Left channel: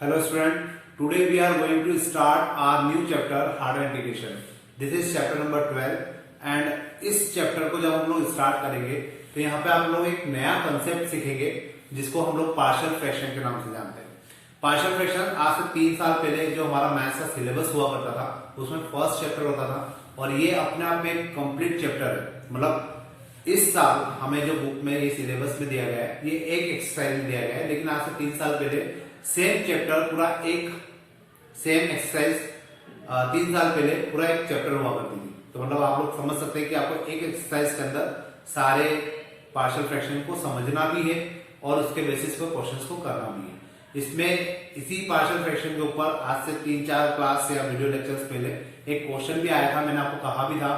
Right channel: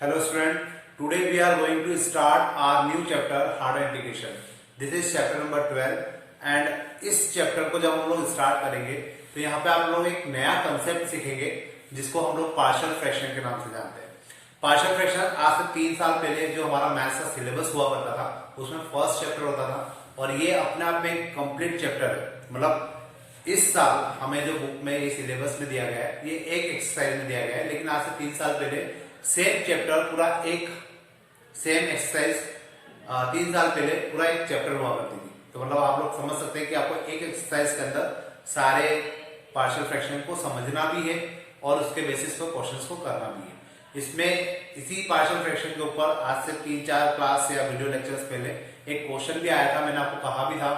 Hello student, today we are going to start our new chapter hardware integration. This is chapter number 12 and इस chapter को जब हम लोग start करेंगे तो यहाँ पे आप लोग एक नया कंसेप्ट सीखेंगे जिसको हम लोग पार्शियल फ्रैक्शन के नाम से जानते हैं। पार्शियल फ्रैक्शन आज से 3 साल पहले जो हमारा मैथ्स का सिलेबस हुआ करता था उसमें फर्स्ट चैप्टर होता था और ये अपने आप में एक कंप्लीट चैप्टर है। मतलब इस साल हमें जो बुक में ये सिलेबस में दिया गया है ये एक एक्सरसाइज में दिया गया है, लेकिन आज से 3 साल पहले सेम चैप्टर पूरा एक सेम एक्सरसाइज 3 साल पहले पूरा एक चैप्टर हुआ करती थी। तो मतलब आप लोग समझ सकते हैं कि आपको एक एक्सरसाइज के अंदर सारे पार्शियल फ्रैक्शन को समझना भी है और उसके बेसिस पर क्वेश्चंस को करना भी है। इसमें इसी पार्शियल फ्रैक्शन के ऊपर आज से 3-4 क्लास या वीडियो लेक्चर्स पहले एक क्वेश्चन भी आया था। मैंने आपको कहा भी था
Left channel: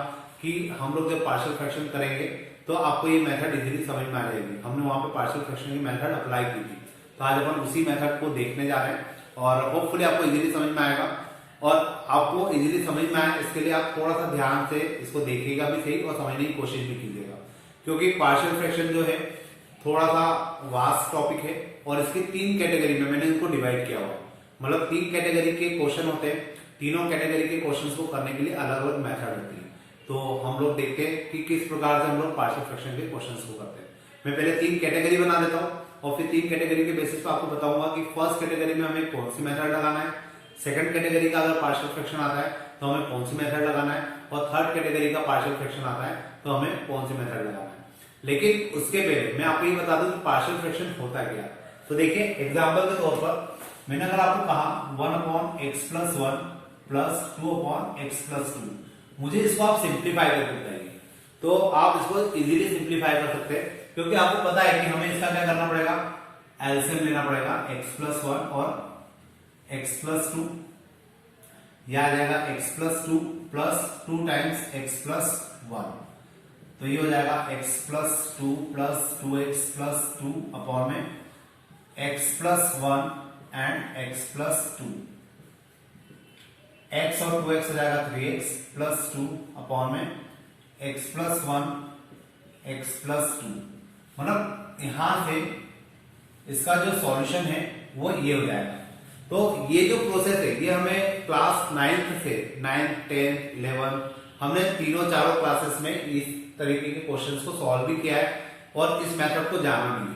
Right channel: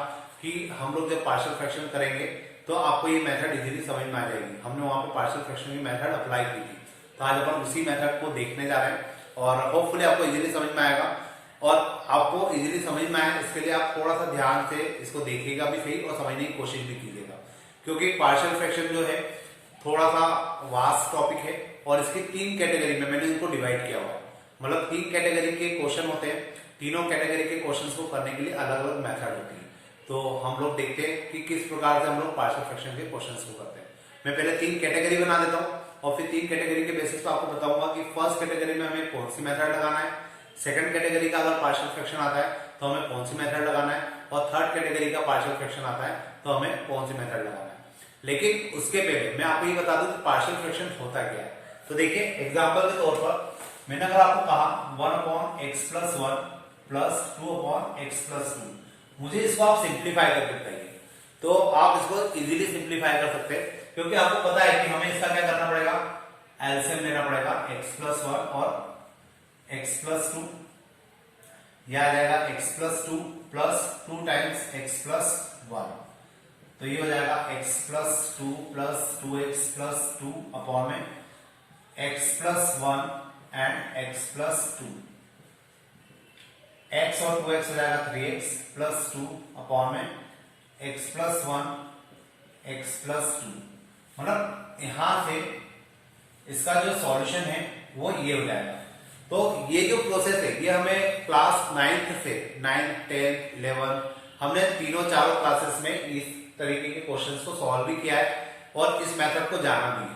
कि हम लोग जब पार्शियल फ्रैक्शन करेंगे तो आपको ये मेथड इजीली समझ में आ जाएगी। हमने वहां पे पार्शियल फ्रैक्शन की मेथड अप्लाई की थी, तो आज अपन उसी मेथड को देखने जा रहे हैं और होपफुली आपको इजीली समझ में आएगा। और आपको इजीली समझ में आए इसके लिए आप थोड़ा सा ध्यान से इसको देखिएगा भी सही और समझने की कोशिश भी कीजिएगा, क्योंकि पार्शियल फ्रैक्शन जो है थोड़ा सा वास्ट टॉपिक है और इसकी 3 कैटेगरी में मैंने इनको डिवाइड किया हुआ। मतलब 3 कैटेगरी के क्वेश्चन होते हैं, तीनों कैटेगरी के क्वेश्चन को करने के लिए अलग अलग मेथड होती है। तो हम लोग देखते हैं कि किस प्रकार से हम लोग पार्शियल फ्रैक्शन के क्वेश्चंस को करते हैं। मैं पहले 3 कैटेगरी बना देता हूँ और फिर 3 कैटेगरी के बेसिस पर आपको बताऊंगा कि फर्स्ट कैटेगरी में हमें कौन सी मेथड लगाना है, सेकंड कैटेगरी का अगर पार्शियल फ्रैक्शन आता है तो हमें कौन सी मेथड लगाना है और थर्ड कैटेगरी का पार्शियल फ्रैक्शन आता है तो हमें कौन सी मेथड लगाना है। लेकिन उसके पहले मैं आपको ये बता दूं कि पार्शियल फ्रैक्शन होता क्या है। तो देखिए एग्जाम्पल के तौर पर मैंने अगर आपको कहा 1/x+1 प्लस 2/x+2, मुझे इसको आप सिंप्लीफाई करके बताइए, तो आप इसको इजीली सिंप्लीफाई कर सकते हैं क्योंकि आपको पता है कि हमें इसका क्या करना पड़ेगा, एलसीएम लेना पड़ेगा x+1 और x+2। यह आ जाएगा x+2 प्लस 2 टाइम्स x+1, तो ये हो जाएगा x+2 प्लस 2x+2 अपॉन में x+1 एंड x+2। x और 2x हो जाएगा 3x प्लस 2 अपॉन में x+1 x+2। मतलब यहां से इसका जो सॉल्यूशन है वो ये हो जाएगा। तो ये जो प्रोसेस है ये हमें क्लास 9th से 9th 10th 11 हमने चारों क्लासेस में इस तरीके के क्वेश्चंस को सॉल्व भी किया है और इस मेथड को जाना भी है।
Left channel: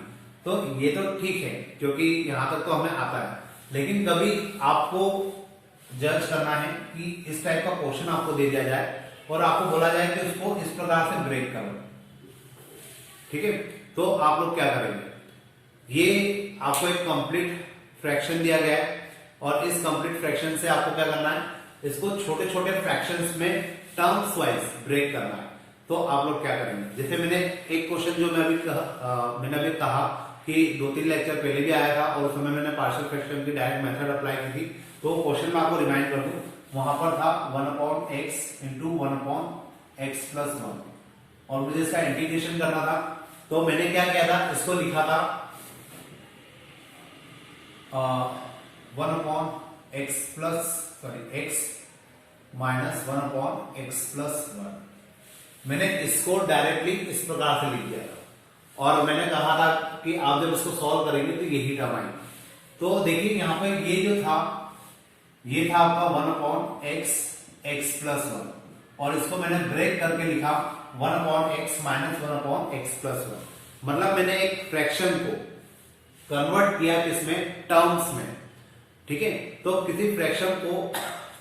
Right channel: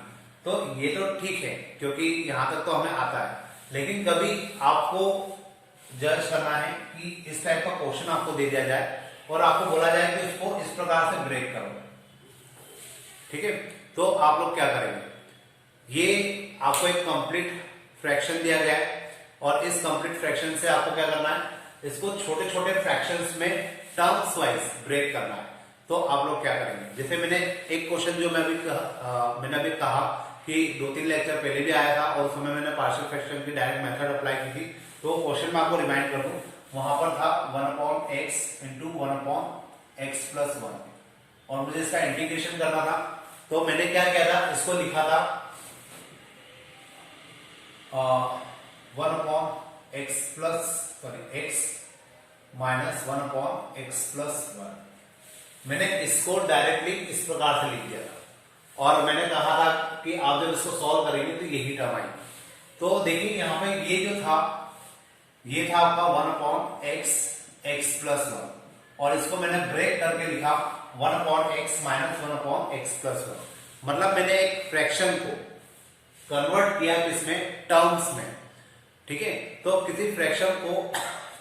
तो ये तो ठीक है क्योंकि यहां तक तो हमें आता है, लेकिन कभी आपको जज करना है कि इस टाइप का क्वेश्चन आपको दे दिया जाए और आपको बोला जाए कि उसको इस प्रकार से ब्रेक करो, ठीक है, तो आप लोग क्या करेंगे। ये आपको एक कंप्लीट फ्रैक्शन दिया गया है और इस कंप्लीट फ्रैक्शन से आपको क्या करना है, इसको छोटे छोटे फ्रैक्शंस में टर्म्स वाइज ब्रेक करना है। तो आप लोग क्या करेंगे, जैसे मैंने एक क्वेश्चन जो मैंने अभी कहा कि 2-3 लेक्चर पहले भी आया था और उस समय मैंने पार्शियल फ्रैक्शन की डायरेक्ट मेथड अप्लाई की थी। तो क्वेश्चन में आपको रिमाइंड कर दूं, वहां पर था 1/x इंटू 1/x+1 और मुझे इसका इंटीग्रेशन करना था। तो मैंने क्या किया था, इसको लिखा था 1/x माइनस 1/x+1। मैंने इसको डायरेक्टली इस प्रकार से लिख दिया था और मैंने कहा था कि आप जब इसको सॉल्व करेंगे तो यही टर्म आएगी। तो देखिए यहाँ पे ये जो था ये था आपका 1/x+1 और इसको मैंने ब्रेक करके लिखा 1/x माइनस 1/x+1। मतलब मैंने एक फ्रैक्शन को कन्वर्ट किया किसमें, टर्म्स में, ठीक है। तो किसी फ्रैक्शन को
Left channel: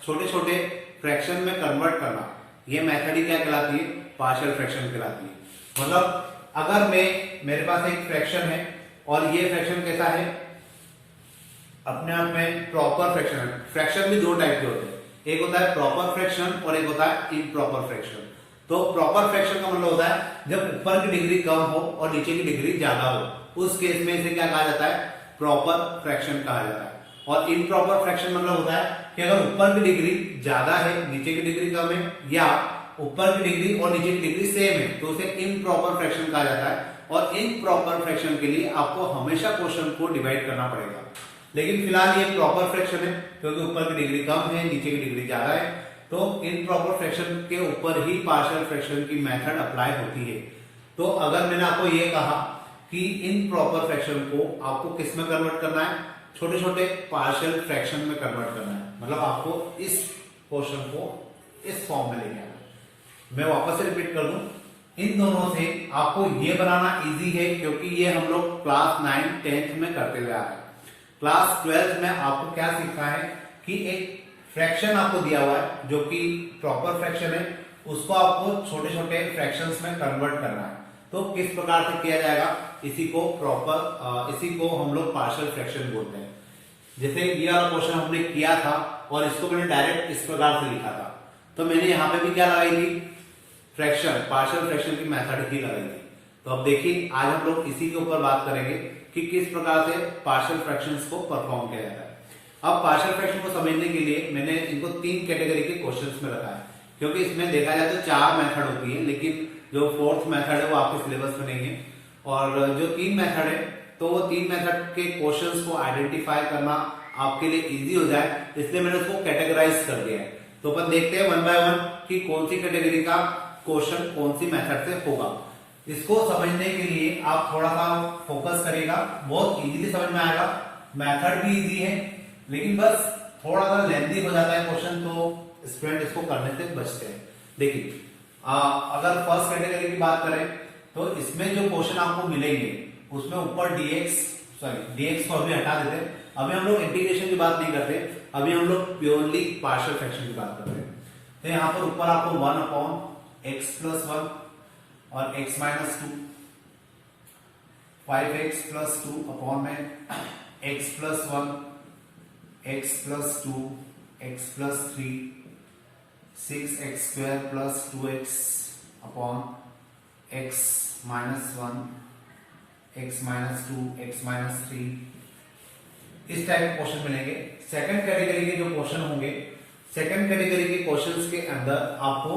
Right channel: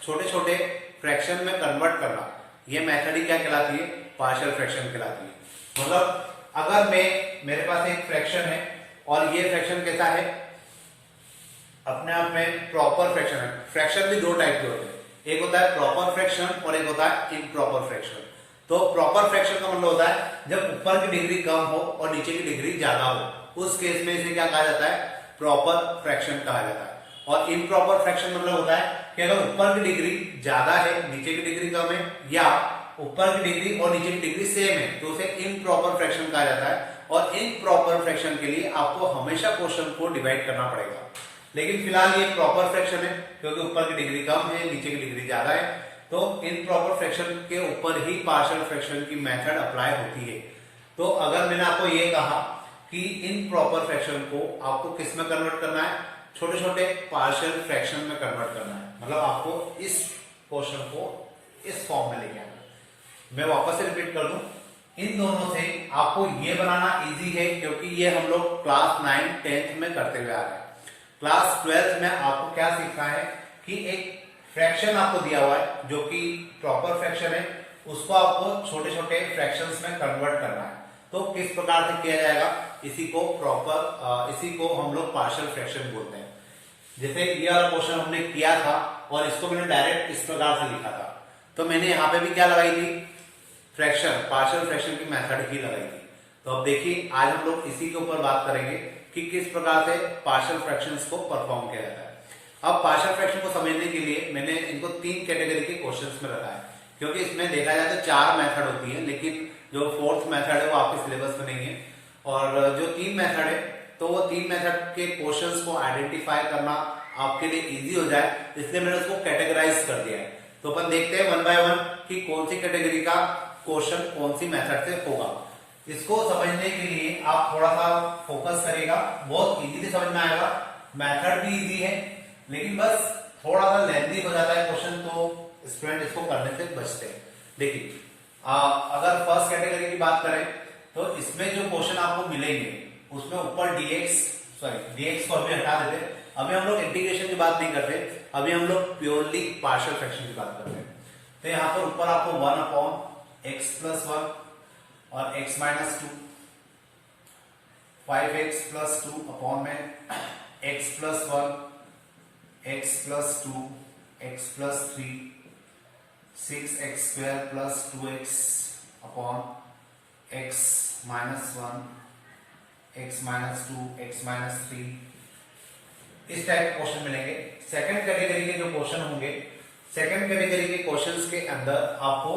छोटे छोटे फ्रैक्शन में कन्वर्ट करना, ये मेथड ही क्या कहलाती है, पार्शियल फ्रैक्शन कहलाती है। मतलब अगर मेरे पास एक फ्रैक्शन है और ये फ्रैक्शन कैसा है, अपने आप में प्रॉपर फ्रैक्शन है। फ्रैक्शन भी 2 टाइप के होते हैं, एक होता है प्रॉपर फ्रैक्शन और एक होता है इम्प्रॉपर फ्रैक्शन। तो प्रॉपर फ्रैक्शन का मतलब होता है जब ऊपर की डिग्री कम हो और नीचे की डिग्री ज्यादा हो, उस केस में इसे क्या कहा जाता है, प्रॉपर फ्रैक्शन कहा जाता है। और इम्प्रॉपर फ्रैक्शन मतलब होता है कि अगर ऊपर की डिग्री ज्यादा है नीचे की डिग्री कम है, या ऊपर की डिग्री और नीचे की डिग्री सेम है, तो उसे इम्प्रॉपर फ्रैक्शन कहा जाता है। और इम्प्रॉपर फ्रैक्शन के लिए आपको हमेशा क्वेश्चन को डिवाइड करना पड़ेगा, लेकिन फिलहाल ये प्रॉपर फ्रैक्शन है क्योंकि ऊपर की डिग्री कम है नीचे की डिग्री ज्यादा है। तो इम्प्रॉपर फ्रैक्शन के ऊपर ही पार्शियल फ्रैक्शन की मेथड अप्लाई होती है। तो अगर मैंने आपको ये कहा कि इन प्रॉपर फ्रैक्शन को आपको किस में कन्वर्ट करना है, छोटे छोटे पार्शियल फ्रैक्शन में कन्वर्ट करना है, मतलब आपको इस पोर्शन को इस फॉर्म में लेके आना। मैं वापस से रिपीट कर दूं, इन दोनों से आपको ये बनाना इजी है क्योंकि ये हम लोग क्लास 9 10th में करते हुए आ रहे हैं। क्लास 12th में आपको क्या सीखना है कि एक फ्रैक्शन आपको दिया हुआ है जो कि प्रॉपर फ्रैक्शन है, उसको आपको छोटे छोटे फ्रैक्शंस में कन्वर्ट करना है। तो किस प्रकार से किया जाएगा, इसी को हम लोग पार्शियल फ्रैक्शन बोलते हैं। जैसे ये वाला क्वेश्चन हमने किया था और इसको मैंने डायरेक्ट इस प्रकार से लिखा था, तो मैंने यहाँ पे भी क्या लगाई थी, फ्रैक्शन, पार्शियल फ्रैक्शन की मेथड ही लगाई थी। तो अब देखिए आज हम लोग इसी के ऊपर बात करेंगे कि किस प्रकार से पार्शियल फ्रैक्शंस को परफॉर्म किया जाता है। अब पार्शियल फ्रैक्शन को समझने के लिए मैंने इनको 3 कैटेगरी के क्वेश्चंस में रखा है, क्योंकि इसमें देखा जाए तो 4 मेथड होती है, लेकिन जो 4th मेथड है वो आपके सिलेबस में नहीं है। और जो 3 मेथड है, तो वो 3 मेथड के क्वेश्चंस को आइडेंटिफाई करना आपके लिए इजी हो जाए, इसलिए मैंने उसको कैटेगराइज कर दिया है। तो अपन देखते हैं 1 बाय 1 कि कौन सी कैटेगरी का क्वेश्चन कौन सी मेथड से होगा। इसको समझने के लिए आप थोड़ा सा फोकस करिएगा, बहुत इजीली समझ में आएगा। मेथड भी इजी है, लेकिन बस थोड़ा सा लेंथी हो जाता है क्वेश्चन, तो स्टूडेंट इसको करने से बचते हैं। देखिए अगर फर्स्ट कैटेगरी की बात करें तो इसमें जो क्वेश्चन आपको मिलेंगे उसमें ऊपर dx को अभी हटा देते, अभी हम लोग इंटीग्रेशन की बात नहीं करते, अभी हम लोग प्योरली पार्शियल फ्रैक्शन की बात करते हैं। तो यहाँ पर ऊपर आपको 1/x+1 और x-2, 5x+2 अपॉन में x+1, x+2, x+3, 6x² + 2x upon x-1, x-2, x-3, इस टाइप के क्वेश्चन मिलेंगे। सेकंड कैटेगरी के जो क्वेश्चन होंगे, सेकंड कैटेगरी के क्वेश्चंस के अंदर आपको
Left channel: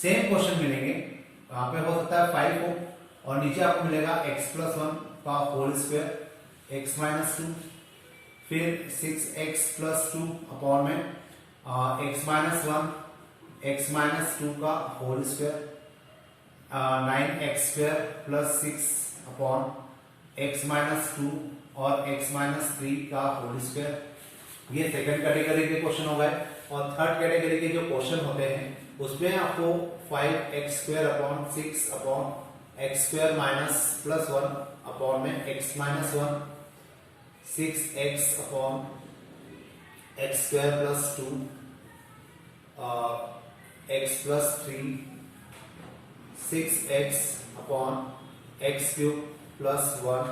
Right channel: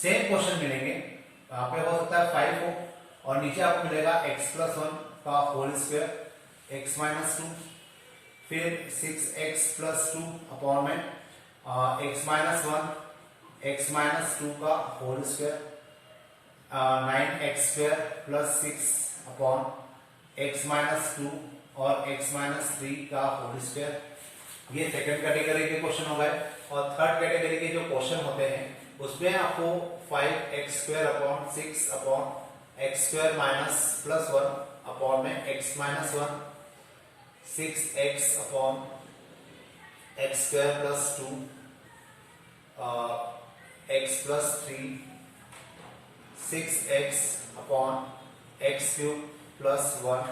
सेम क्वेश्चन मिलेंगे। यहाँ पे हो सकता है 5 हो और नीचे आपको मिलेगा x+1 का होल स्क्वायर, x-2, फिर 6x+2 अपॉन में x-1, x-2 का whole square, 9x² + 6 upon x-2 और x-3 का होल स्क्वायर। ये सेकंड कैटेगरी के क्वेश्चन हो गए। और थर्ड कैटेगरी के जो क्वेश्चन होते हैं उसमें आपको 5x² upon 6 upon x² -+1 upon में x-1, 6x upon x² + 2, x+3, 6x upon x³ + 1,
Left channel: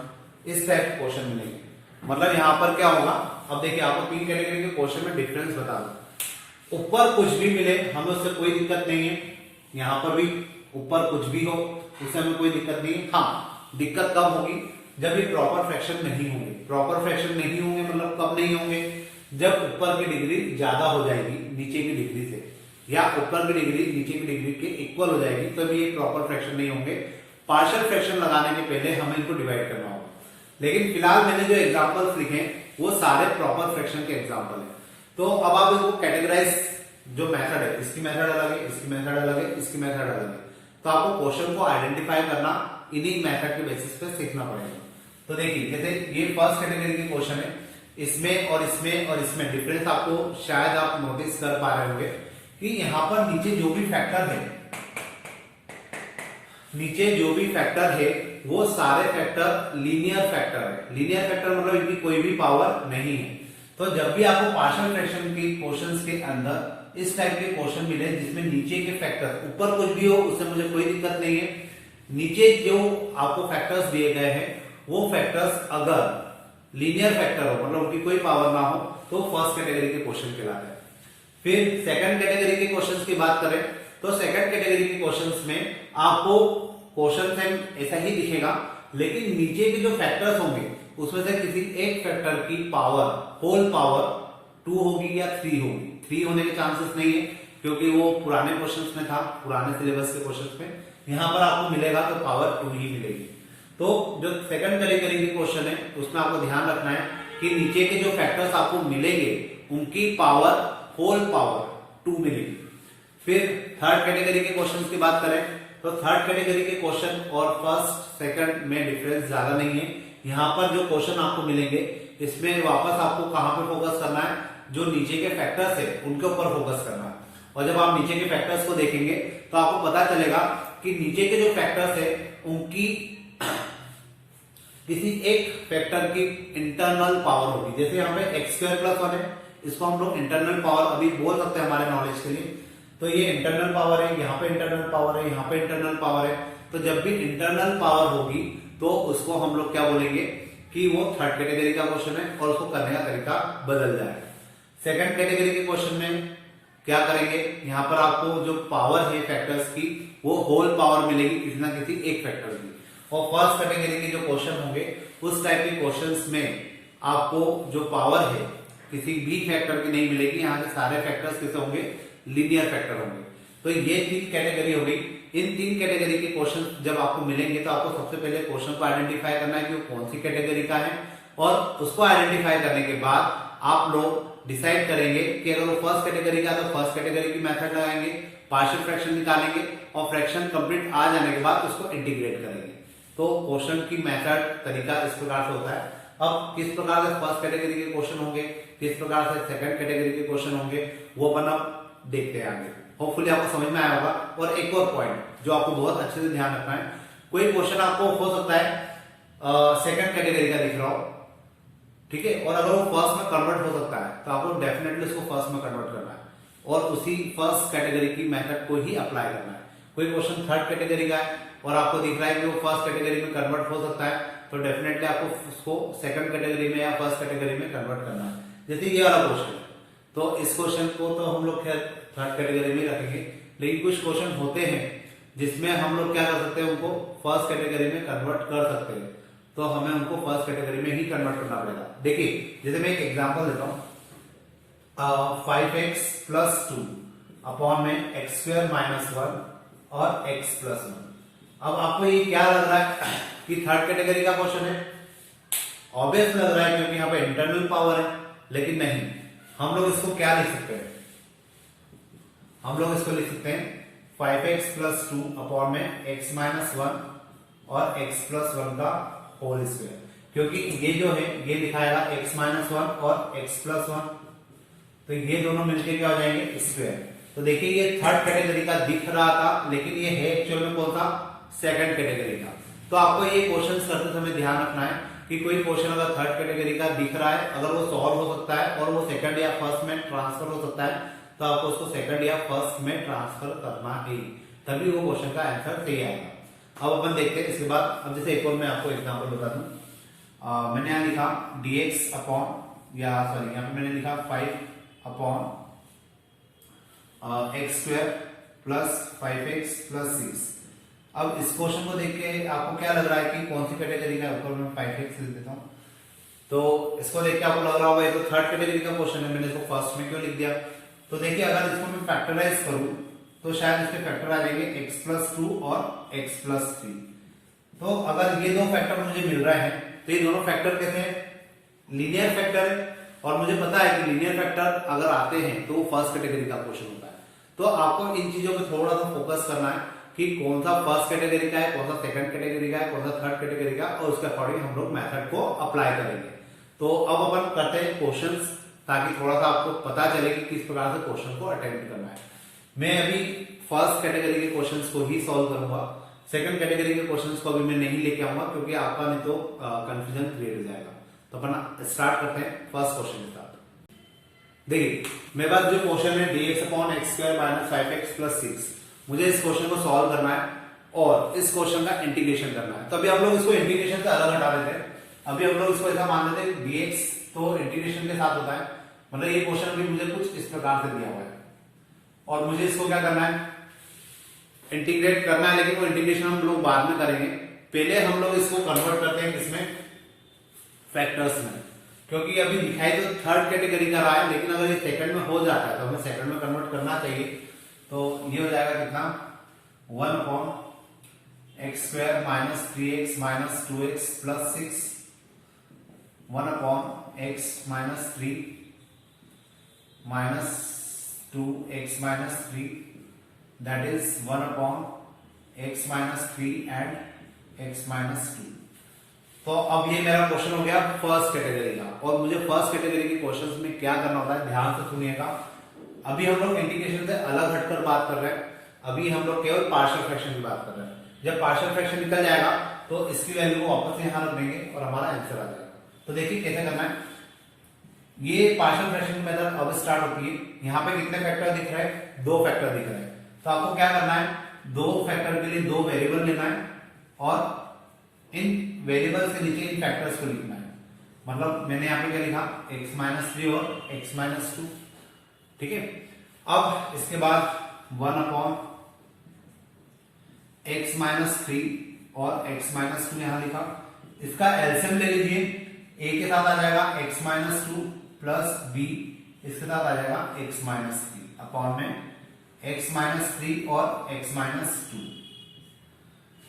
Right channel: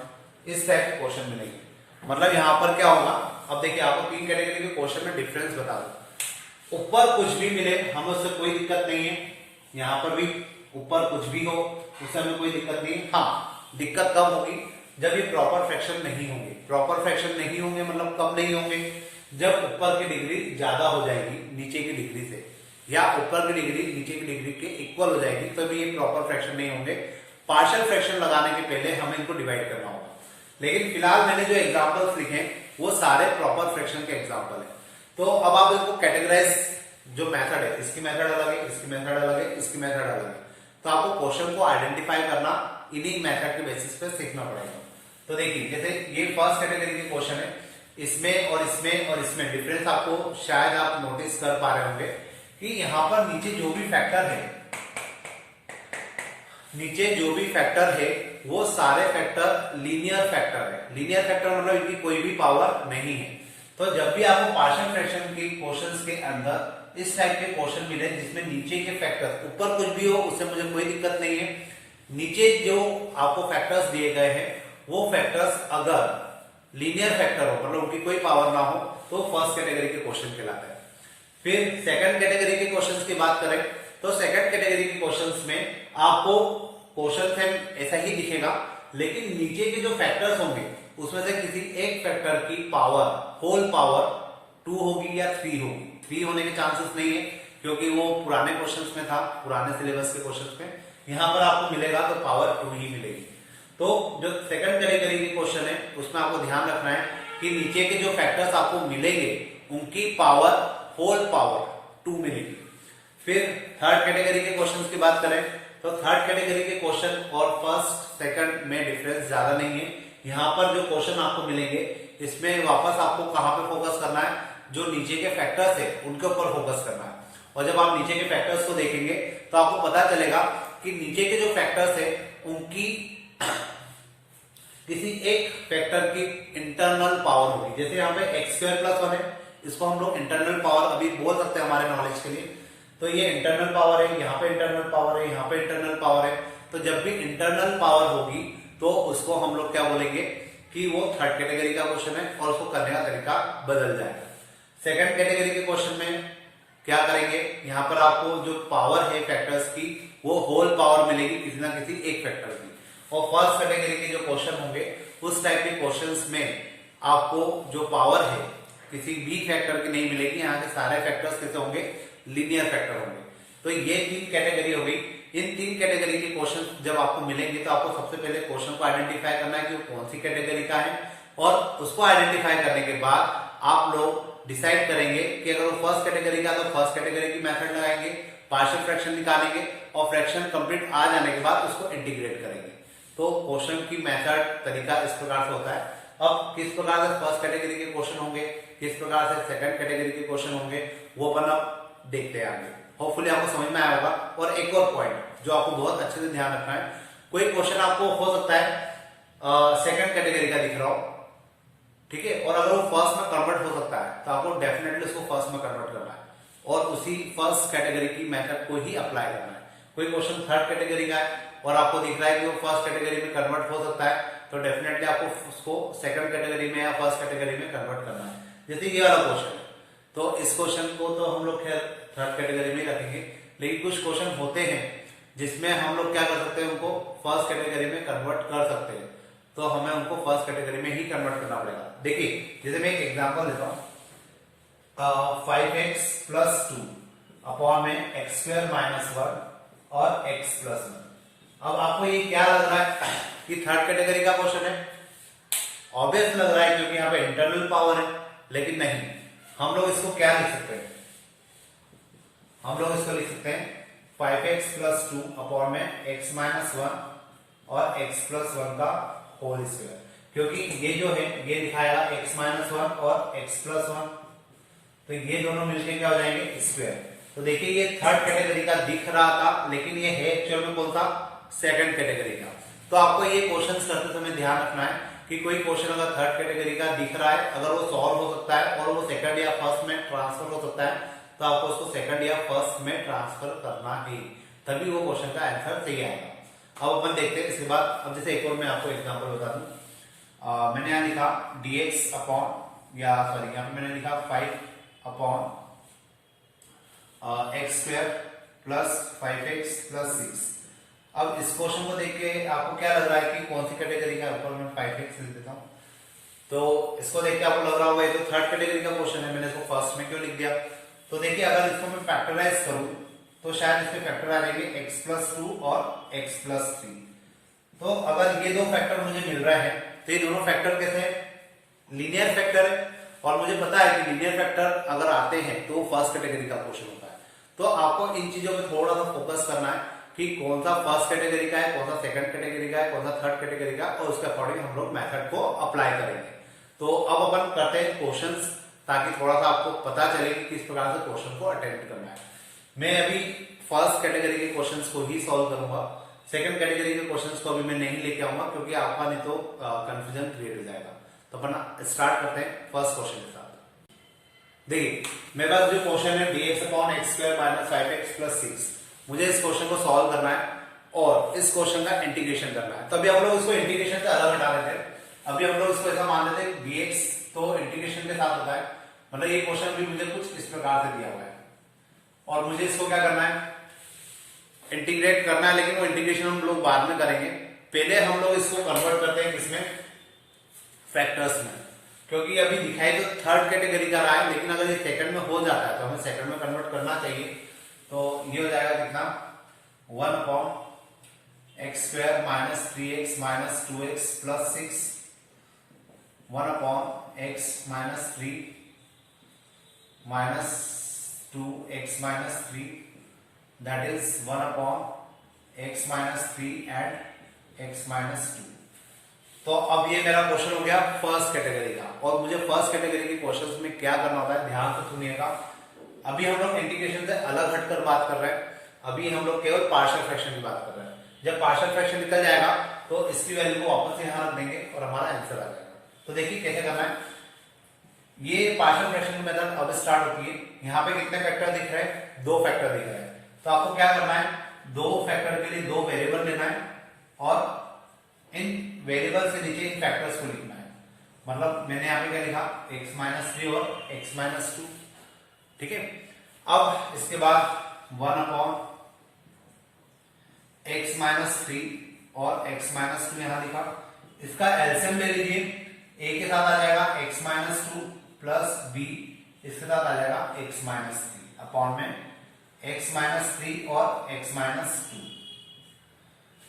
इस टाइप के क्वेश्चन मिलेंगे। मतलब यहाँ पर क्या होगा, अब देखिए आपको 3 कैटेगरी के क्वेश्चन में डिफरेंस बता दो। ऊपर कुछ भी मिले हमें उससे कोई दिक्कत नहीं है, यहाँ पर भी ऊपर कुछ भी हो उससे हमें कोई दिक्कत नहीं है। हाँ, दिक्कत कब होगी, जब ये प्रॉपर फ्रैक्शन नहीं होंगे। प्रॉपर फ्रैक्शन नहीं होंगे मतलब कब नहीं होंगे, जब ऊपर की डिग्री ज्यादा हो जाएगी नीचे की डिग्री से, या ऊपर की डिग्री नीचे की डिग्री के इक्वल हो जाएगी, तब ये प्रॉपर फ्रैक्शन नहीं होंगे। पार्शियल फ्रैक्शन लगाने के पहले हमें इनको डिवाइड करना होगा। लेकिन फिलहाल मैंने जो एग्जांपल्स लिखे वो सारे प्रॉपर फ्रैक्शन के एग्जांपल हैं। तो अब आप इसको कैटेगराइज, जो मेथड है, इसकी मेथड अलग है, इसकी मेथड अलग है, इसकी मेथड अलग है, तो आपको क्वेश्चन को आइडेंटिफाई करना इन्हीं मेथड के बेसिस पे सीखना पड़ेगा। तो देखिए जैसे ये फर्स्ट कैटेगरी के क्वेश्चन है, इसमें और इसमें और इसमें डिफरेंस आपको शायद आप नोटिस कर पा रहे होंगे कि यहाँ पर नीचे जो भी फैक्टर है, नीचे जो भी फैक्टर है वो सारे फैक्टर लीनियर फैक्टर है। लीनियर फैक्टर मतलब इनकी कोई भी पावर नहीं है। तो जब भी आपको पार्शियल फ्रैक्शन के क्वेश्चंस के अंदर इस टाइप के क्वेश्चन मिले जिसमें नीचे के फैक्टर, ऊपर कुछ भी हो उससे मुझे कोई दिक्कत नहीं है, नीचे जो आपको फैक्टर्स दिए गए हैं वो फैक्टर्स अगर लीनियर फैक्टर हो मतलब उनकी कोई पावर ना हो तो फर्स्ट कैटेगरी के क्वेश्चन कहलाते हैं। फिर सेकंड कैटेगरी के क्वेश्चंस की बात करें तो सेकंड कैटेगरी के क्वेश्चंस में आपको क्वेश्चन सेम ऐसा ही दिखेगा, लेकिन नीचे के जो फैक्टर्स होंगे उसमें से किसी एक फैक्टर की पावर, होल पावर 2 होगी या 3 होगी। 3 होने के चांसेस नहीं है क्योंकि वो पुराने क्वेश्चंस में था, पुराने सिलेबस के क्वेश्चंस में। यहाँ पर आपको मिलेगा तो पावर 2 ही मिलेगी। तो जो सेकंड कैटेगरी के क्वेश्चन है उसमें आपको ध्यान रखना है कि नीचे के जो फैक्टर्स आपको मिलेंगे उनकी पावर, होल पावर 2 मिलेगी। फिर थर्ड कैटेगरी के क्वेश्चन की बात करें तो थर्ड कैटेगरी के क्वेश्चन और फर्स्ट सेकंड में डिफरेंस ज्यादा नहीं है। यहाँ पर जो क्वेश्चन आपको मिलेंगे इसमें वापस आपको कहां पे फोकस करना है, जो नीचे के फैक्टर्स है उनके ऊपर फोकस करना है। और जब आप नीचे के फैक्टर्स को देखेंगे तो आपको पता चलेगा कि नीचे के जो फैक्टर्स है उनकी किसी एक फैक्टर की इंटरनल पावर होगी। जैसे यहाँ पे एक्स स्क्वायर प्लस 1 है, इसको हम लोग इंटरनल पावर अभी बोल सकते हैं हमारे नॉलेज के लिए। तो ये इंटरनल पावर है, यहाँ पे इंटरनल पावर है, यहाँ पे इंटरनल पावर है। तो जब भी इंटरनल पावर होगी तो उसको हम लोग क्या बोलेंगे कि वो थर्ड कैटेगरी का क्वेश्चन है और उसको करने का तरीका बदल जाएगा। सेकंड कैटेगरी के क्वेश्चन में क्या करेंगे, यहाँ पर आपको जो पावर है फैक्टर्स की वो होल पावर मिलेगी किसी ना किसी एक फैक्टर की। और फर्स्ट कैटेगरी के जो क्वेश्चन होंगे उस टाइप के क्वेश्चंस में आपको जो पावर है किसी भी फैक्टर की नहीं मिलेगी। यहाँ के सारे फैक्टर्स कैसे होंगे, लीनियर फैक्टर होंगे। तो ये 3 कैटेगरी हो गई। इन 3 कैटेगरी के क्वेश्चन जब आपको मिलेंगे तो आपको सबसे पहले क्वेश्चन को आइडेंटिफाई करना है कि वो कौन सी कैटेगरी का है, और उसको आइडेंटिफाई करने के बाद आप लोग डिसाइड करेंगे कि अगर वो फर्स्ट कैटेगरी का है तो फर्स्ट कैटेगरी की मेथड लगाएंगे, पार्शियल फ्रैक्शन निकालेंगे और फ्रैक्शन कंप्लीट आ जाने के बाद उसको इंटीग्रेट करेंगे। तो क्वेश्चन की मेथड तरीका इस प्रकार से होता है। अब किस प्रकार से फर्स्ट कैटेगरी के क्वेश्चन होंगे, किस प्रकार से सेकंड कैटेगरी के क्वेश्चन होंगे, वो अपन अब देखते हैं आगे। होपफुली आपको समझ में आया होगा। और एक और पॉइंट जो आपको बहुत अच्छे से ध्यान रखना है, कोई क्वेश्चन आपको हो सकता है सेकंड कैटेगरी का दिख रहा हो, ठीक है, और अगर वो फर्स्ट में कन्वर्ट हो सकता है तो आपको डेफिनेटली उसको फर्स्ट में कन्वर्ट करना है और उसी फर्स्ट कैटेगरी की मेथड को ही अप्लाई करना है। कोई क्वेश्चन थर्ड कैटेगरी का है और आपको दिख रहा है कि वो फर्स्ट कैटेगरी में कन्वर्ट हो सकता है तो डेफिनेटली आपको उसको सेकंड कैटेगरी में या फर्स्ट कैटेगरी में कन्वर्ट करना है। जैसे ये वाला क्वेश्चन, तो इस क्वेश्चन को तो हम लोग खैर थर्ड कैटेगरी में रखेंगे, लेकिन कुछ क्वेश्चन होते हैं जिसमें हम लोग क्या कर सकते हैं, उनको फर्स्ट कैटेगरी में कन्वर्ट कर सकते हैं, तो हमें उनको फर्स्ट कैटेगरी में ही कन्वर्ट करना पड़ेगा। देखिए जैसे मैं एक एग्जांपल देता हूं, 5x प्लस 2 अपॉन में एक्स स्क्वायर माइनस 1 और x प्लस 1। अब आपको ये क्या लग रहा है कि थर्ड कैटेगरी का क्वेश्चन है, ऑब्वियस लग रहा है क्योंकि यहाँ पे इंटरनल पावर है, लेकिन नहीं, हम लोग इसको क्या लिख सकते हैं, हम लोग इसको लिख सकते हैं 5x प्लस 2 अपॉन में x माइनस 1 और x प्लस 1 का होल स्क्वायर। क्योंकि ये जो है ये लिखाया x माइनस 1 और x प्लस 1, तो ये दोनों मिलके क्या हो जाएंगे, स्क्वायर। तो देखिए ये थर्ड कैटेगरी का दिख रहा था, लेकिन ये है एक्चुअल में कौन सा, सेकंड कैटेगरी का। तो आपको ये क्वेश्चंस करते समय ध्यान रखना है कि कोई क्वेश्चन अगर थर्ड कैटेगरी का दिख रहा है, अगर वो सॉल्व हो सकता है और वो सेकंड या फर्स्ट में ट्रांसफर हो सकता है, तो आपको उसको सेकंड या फर्स्ट में ट्रांसफर करना है, तभी वो क्वेश्चन का आंसर सही आएगा। अब अपन देखते हैं इसके बाद। अब जैसे एक और मैं आपको एग्जाम्पल बता दूं, मैंने यहाँ लिखा dx अपॉन, या सॉरी यहाँ पे मैंने लिखा 5 upon x square plus 5x plus 6। अब इस क्वेश्चन को देख के आपको क्या लग रहा है कि कौन सी कैटेगरी का, ऊपर मैं 5x लिख देता हूँ। तो इसको देख के आपको लग रहा होगा ये तो थर्ड कैटेगरी का क्वेश्चन है, मैंने इसको फर्स्ट में क्यों लिख दिया। तो देखिए अगर इसको मैं फैक्टराइज करूं तो शायद इसके फैक्टर आ जाएंगे x प्लस 2 और x प्लस 3। तो अगर ये दो फैक्टर मुझे मिल रहा है तो ये दोनों फैक्टर कैसे हैं, लीनियर फैक्टर है, और मुझे पता है कि लीनियर फैक्टर अगर आते हैं तो फर्स्ट कैटेगरी का क्वेश्चन होता है। तो आपको इन चीजों पे थोड़ा सा फोकस करना है कि कौन सा फर्स्ट कैटेगरी का है, कौन सा सेकंड कैटेगरी का है, कौन सा थर्ड कैटेगरी का, और उसके अकॉर्डिंग हम लोग मेथड को अप्लाई करेंगे। तो अब अपन करते हैं क्वेश्चंस, ताकि थोड़ा सा आपको पता चले कि किस प्रकार से क्वेश्चन को अटेम्प्ट करना है। मैं अभी फर्स्ट कैटेगरी के क्वेश्चंस को ही सॉल्व करूंगा, सेकंड कैटेगरी के क्वेश्चंस को अभी मैं नहीं लेके आऊंगा क्योंकि आपका नहीं तो कंफ्यूजन क्रिएट हो जाएगा। तो अपन स्टार्ट करते हैं फर्स्ट क्वेश्चन के साथ। देखिए मेरे पास जो क्वेश्चन है dx upon x square minus 5x plus 6, मुझे इस क्वेश्चन को सॉल्व करना है और इस क्वेश्चन का इंटीग्रेशन करना है। तभी हम लोग इसको इंटीग्रेशन से अलग हटा देते हैं। अभी हम लोग इसको ऐसा मान लेते हैं dx तो इंटीग्रेशन के साथ होता है, मतलब ये क्वेश्चन भी मुझे कुछ इस प्रकार से दिया हुआ है और मुझे इसको क्या करना है, इंटीग्रेट करना है, लेकिन वो इंटीग्रेशन हम लोग बाद में करेंगे। पहले हम लोग इसको कन्वर्ट करते हैं किसमें, फैक्टर्स में, क्योंकि अभी दिखाई तो थर्ड कैटेगरी का रहा है, लेकिन अगर ये सेकंड में हो जाता है तो हमें सेकंड में कन्वर्ट करना चाहिए। तो ये हो जाएगा कितना, 1 upon x square minus 3x minus 2x plus 6, 1 upon x minus 3 minus 2x minus 3, that is 1 upon x minus 3 and x minus 2। तो अब ये मेरा क्वेश्चन हो गया फर्स्ट कैटेगरी का। और मुझे फर्स्ट कैटेगरी के क्वेश्चंस में क्या करना होता है, ध्यान से सुनिएगा। अभी हम लोग इंटीग्रेशन से अलग हटकर बात कर रहे हैं, अभी हम लोग केवल पार्शियल फ्रैक्शन की बात कर रहे हैं। जब पार्शियल फ्रैक्शन निकल जाएगा तो इसकी वैल्यू को वापस से यहां रख देंगे और हमारा आंसर आ जाएगा। तो देखिए कैसे करना है। ये पार्शियल फ्रैक्शन की मेथड अब स्टार्ट होती है। यहाँ पे कितने फैक्टर दिख रहे हैं, 2 फैक्टर दिख रहे हैं। तो आपको क्या करना है, 2 फैक्टर के लिए 2 वेरिएबल लेना है और इन वेरिएबल से नीचे इन फैक्टर्स को लिखना है। मतलब मैंने यहाँ पे क्या लिखा, x-3 और x-2, ठीक है। अब इसके बाद 1/x-3 और x-2 यहां लिखा। इसका एलसीएम ले लीजिए, a के साथ आ जाएगा x-2 प्लस b इसके साथ आ जाएगा x-3 अपॉन में x-3 और x-2।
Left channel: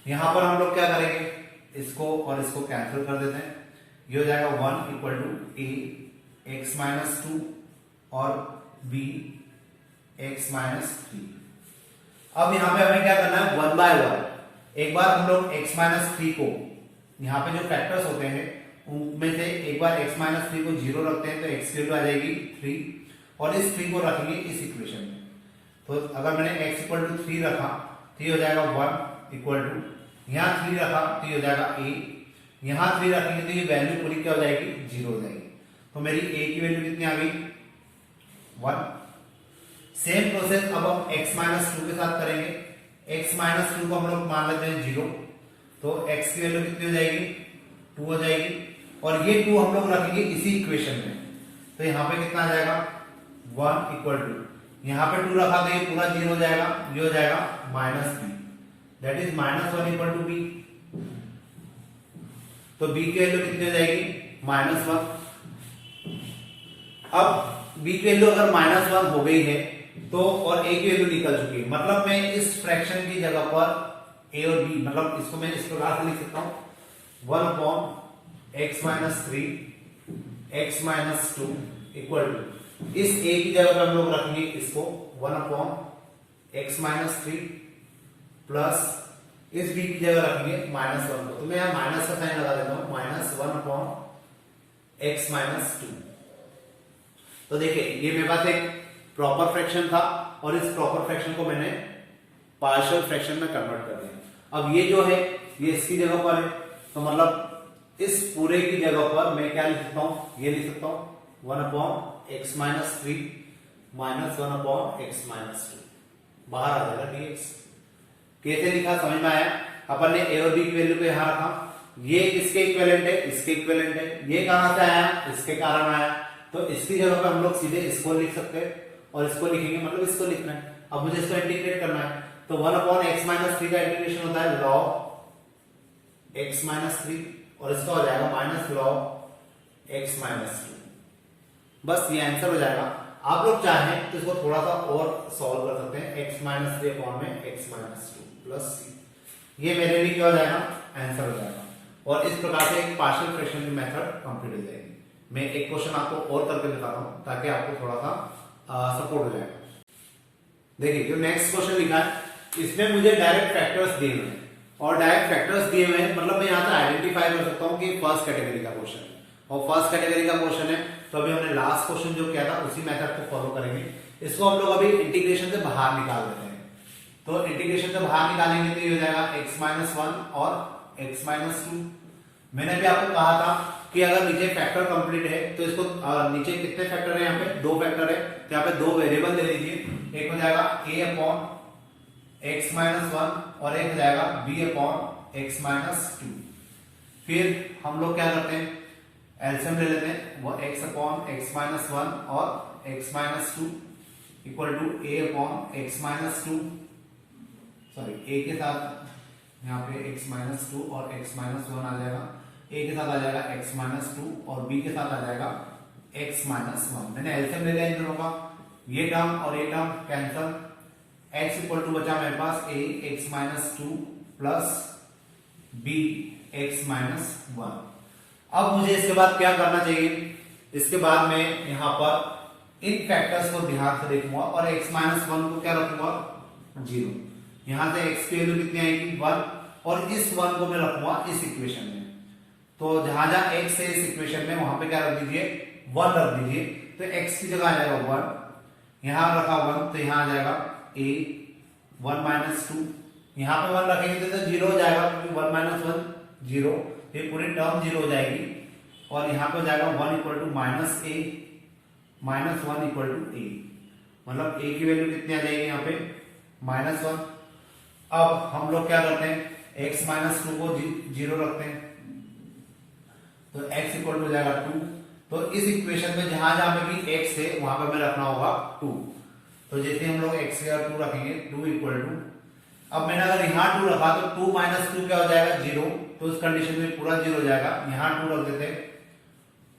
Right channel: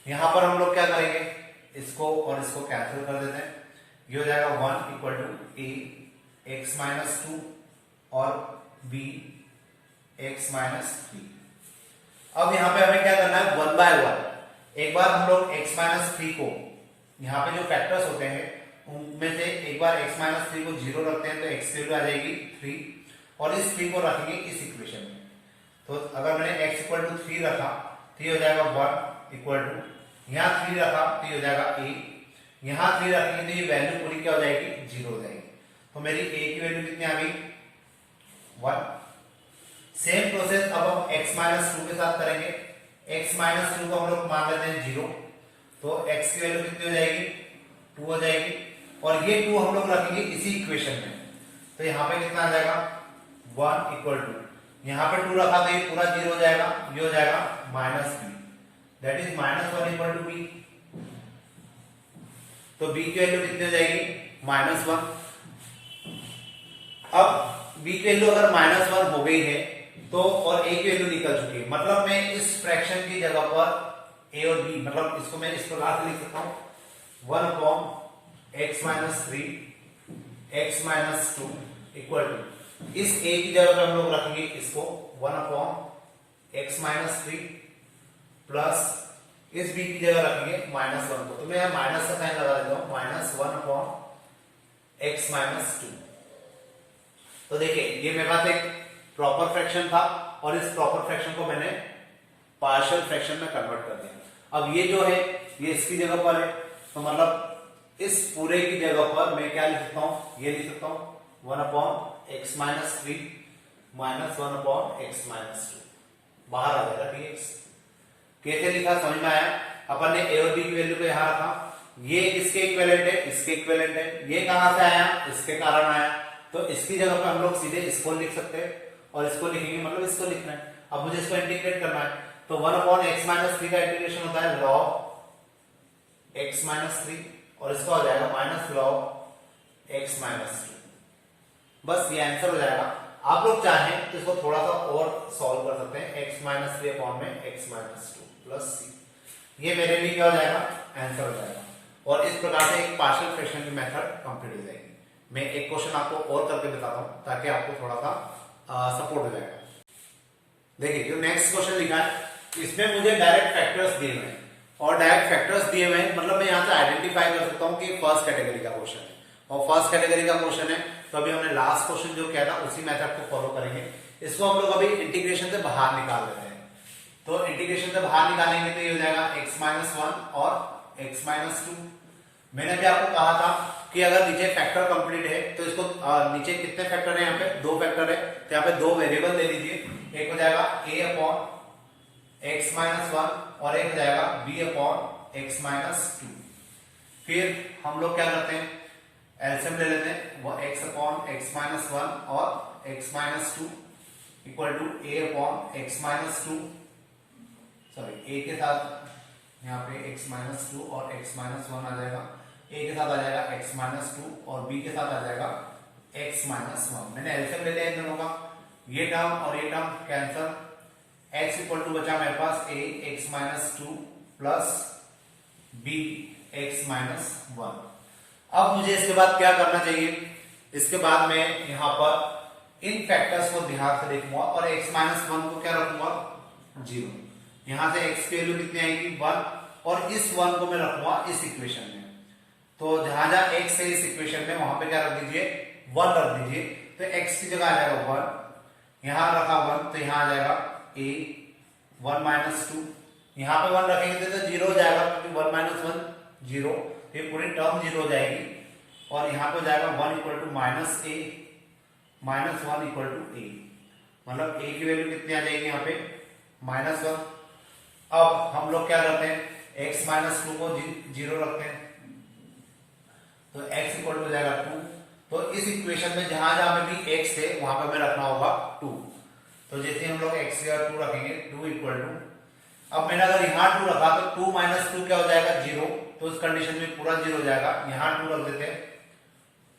यहां पर हम लोग क्या करेंगे, इसको और इसको कैंसिल कर देते हैं। ये हो जाएगा 1 इक्वल टू a x-2 और b x-3। अब यहां पे हमें क्या करना है, 1 बाय 1 एक बार हम लोग x-3 को, यहाँ पे जो फैक्टर्स होते हैं उनमें से एक बार x-3 को 0 रखते हैं तो x की वैल्यू आ जाएगी 3 और इस 3 को रखेंगे इस इक्वेशन में। तो अगर मैंने x इक्वल टू 3 रखा तो ये हो जाएगा 1 इक्वल टू, यहाँ 3 रखा तो ये हो जाएगा a, यहाँ 3 रखेंगे तो ये वैल्यू पूरी क्या हो जाएगी, 0 हो जाएगी। तो मेरी a की वैल्यू कितनी आ गई, 1। सेम प्रोसेस अब हम x-2 के साथ करेंगे। x-2 को हम लोग मान लेते हैं 0, तो x की वैल्यू कितनी हो जाएगी, 2 हो जाएगी। और ये 2 हम लोग रखेंगे इसी इक्वेशन में। तो यहाँ पे कितना आ जाएगा, 1 इक्वल टू, यहाँ पे 2 रखा तो ये पूरा 0 हो जाएगा, ये हो जाएगा -b, that is -1 equal to b। तो b की वैल्यू कितनी हो जाएगी, -1। अब b की वैल्यू अगर -1 हो गई है तो और a की वैल्यू निकल चुकी है, मतलब मैं इस फ्रैक्शन की जगह पर a और b, मतलब इसको मैं इस प्रकार से लिख सकता हूं, 1/x-3 x-2 इक्वल टू, इस a की जगह पर हम लोग रखेंगे इसको 1/x-3 प्लस इस b की जगह रखेंगे -1 को। तो मैं यहां माइनस का साइन लगा देता हूं, -1/x-2। तो देखिए ये मेरे पास एक प्रॉपर फ्रैक्शन था और इस प्रॉपर फ्रैक्शन को मैंने पार्शियल फ्रैक्शन में कन्वर्ट कर दिया। अब ये जो है ये इसकी जगह पर है, तो मतलब इस पूरे की जगह पर मैं क्या लिख सकता हूं, ये लिख सकता हूं 1/x-3 -1/x-2 बाहर आ जाएगा dx। कैसे लिखा समझ में आया। अपन ने a और b की वैल्यू को यहां रखा, ये इसके इक्विवेलेंट है, इसके इक्विवेलेंट है। ये कहां से आया, इसके कारण आया, तो इसकी जगह पर हम लोग सीधे इसको लिख सकते हैं और इसको लिखेंगे, मतलब इसको लिखना है। अब मुझे इसको इंटीग्रेट करना है, तो 1/x-3 का इंटीग्रेशन होता है log x-3 और इसको आ जाएगा -log x-3। बस ये आंसर हो जाएगा। आप लोग चाहें तो इसको थोड़ा सा और सॉल्व कर सकते हैं, x-3 अपॉन में x-2 प्लस c। ये मेरे लिए क्या हो जाएगा, आंसर हो जाएगा। और इस प्रकार से एक पार्शियल फ्रैक्शन की मेथड कंप्लीट हो जाएगी। मैं एक क्वेश्चन आपको और करके दिखाता हूं ताकि आपको थोड़ा सा सपोर्ट हो जाएगा। देखिए जो नेक्स्ट क्वेश्चन लिखा है इसमें मुझे डायरेक्ट फैक्टर्स दिए हुए हैं, और डायरेक्ट फैक्टर्स दिए हुए हैं मतलब मैं यहां से आइडेंटिफाई कर सकता हूं कि फर्स्ट कैटेगरी का क्वेश्चन है, और फर्स्ट कैटेगरी का क्वेश्चन है। तो अभी हमने लास्ट क्वेश्चन जो किया था उसी मेथड को फॉलो करेंगे। इसको हम लोग अभी इंटीग्रेशन से बाहर निकाल देते हैं। तो इंटीग्रेशन से बाहर निकालेंगे तो ये हो जाएगा x-1 और x-2। मैंने भी आपको कहा था कि अगर नीचे फैक्टर कंप्लीट है तो इसको नीचे कितने फैक्टर है, यहाँ पे 2 फैक्टर है, तो यहाँ पे 2 वेरिएबल ले लीजिए। एक हो जाएगा a अपॉन x-1 और एक हो जाएगा b अपॉन x-2। फिर हम लोग क्या करते हैं, एलसीएम ले लेते हैं, वो x अपॉन x-1 और x-2 equal to a upon x-2, sorry a के साथ यहाँ पे x-2 और x-1 आ जाएगा, a के साथ आ जाएगा x-2 और b के साथ आ जाएगा x-1। मैंने एलसीएम ले लिया इन दोनों का, ये टर्म और ये term cancel, x equal to बचा मेरे पास a x-2 plus b x-1। अब मुझे इसके बाद क्या करना चाहिए, इसके बाद मैं यहाँ पर इन फैक्टर्स को ध्यान से देखूंगा और x-1 को क्या रखूंगा, 0। यहां से x की वैल्यू कितनी आएगी, 1, और इस 1 को मैं रखूंगा इस इक्वेशन में। तो जहां जहां x है इस इक्वेशन में वहां पे क्या रख दीजिए 1 रख दीजिए। तो x की जगह आ जाएगा 1, यहां रखा 1 तो यहां आ जाएगा a 1 माइनस 2, यहां पे 1 रखेंगे तो 0 हो जाएगा क्योंकि 1 माइनस 1 0, ये पूरी टर्म 0 हो जाएगी और यहां पे हो जाएगा 1 equal to minus a minus 1 equal to a, मतलब a की वैल्यू कितनी आ जाएगी यहाँ पे -1। अब हम लोग क्या करते हैं x माइनस 2 को 0 रखते हैं तो x इक्वल टू हो जाएगा 2। तो इस इक्वेशन में जहां जहां पे भी x है वहां पे हमें रखना होगा 2। तो जैसे हम लोग x की जगह 2 रखेंगे 2 इक्वल टू, अब मैंने अगर यहाँ 2 रखा तो 2 माइनस 2 क्या हो जाएगा 0, तो इस कंडीशन में पूरा 0 हो जाएगा। यहाँ 2 रख देते हैं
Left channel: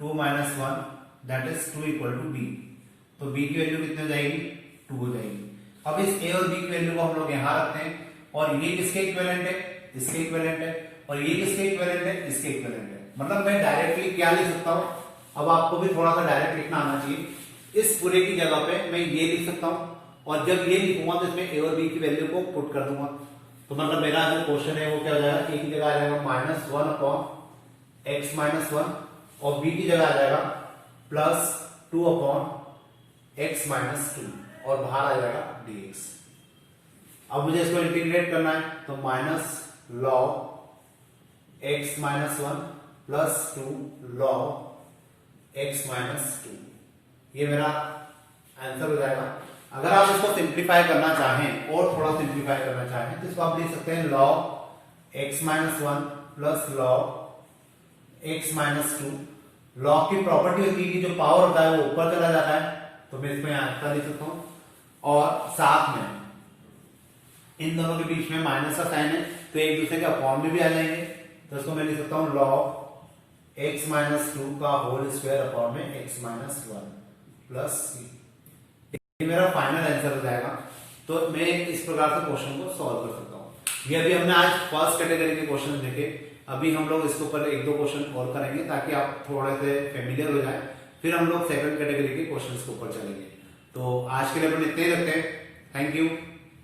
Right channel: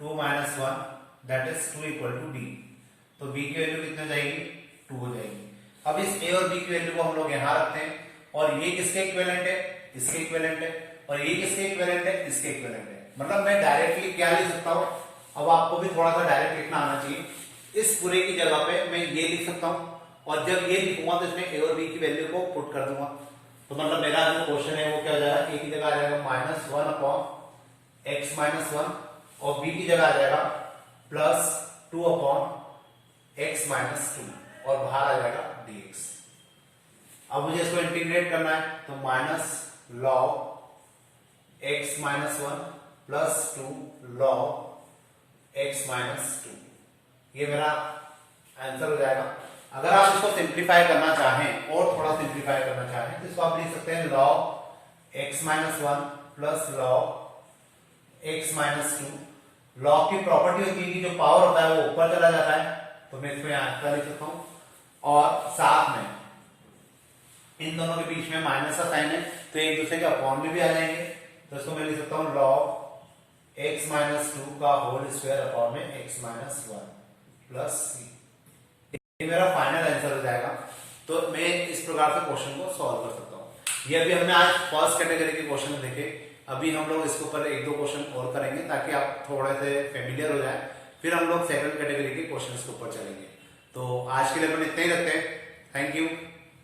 2 minus 1 that is 2 equal to b, तो b की वैल्यू कितनी हो जाएगी 2 हो जाएगी। अब इस a और b की वैल्यू को हम लोग यहाँ रखते हैं और ये किसके इक्विवेलेंट है इसके इक्विवेलेंट है और ये किसके इक्विवेलेंट है इसके इक्विवेलेंट है। मतलब मैं डायरेक्टली क्या लिख सकता हूं, अब आपको भी थोड़ा सा डायरेक्ट लिखना आना चाहिए। इस पूरे की जगह पे मैं ये लिख सकता हूं और जब ये लिखूंगा तो इसमें a और b की वैल्यू को पुट कर दूंगा। तो मतलब मेरा जो क्वेश्चन है वो क्या हो जाएगा a की जगह आ जाएगा -1 अपॉन x माइनस 1 और b की जगह आ जाएगा +2 अपॉन x माइनस 2 और बाहर आ जाएगा dx। अब मुझे इसको इंटीग्रेट करना है तो minus log x minus 1 +2 log x minus 2, ये मेरा आंसर हो जाएगा। अगर आप इसको सिंप्लीफाई करना चाहें और थोड़ा सिंप्लीफाई करना चाहें तो इसको आप लिख सकते हैं log x minus 1 plus log x minus 2। log की प्रॉपर्टी होती है कि जो पावर होता है वो ऊपर चला जाता है, तो मैं इसको यहां का लिख सकता हूं और साथ में इन दोनों के बीच में माइनस का साइन है तो एक दूसरे के अपॉन में भी आ जाएंगे। तो इसको मैं लिख सकता हूं log x माइनस 2 का होल स्क्वायर अपॉन में x माइनस 1 प्लस c, ये मेरा फाइनल आंसर हो जाएगा। तो मैं इस प्रकार से क्वेश्चन को सॉल्व कर सकता हूं। ये अभी हमने आज फर्स्ट कैटेगरी के क्वेश्चन देखे, अभी हम लोग इसके ऊपर एक दो क्वेश्चन और करेंगे ताकि आप थोड़े से फेमिलियर हो जाए, फिर हम लोग सेकंड कैटेगरी के क्वेश्चन के ऊपर चलेंगे। तो आज के लिए अपन इतने ही रखते हैं। Thank you.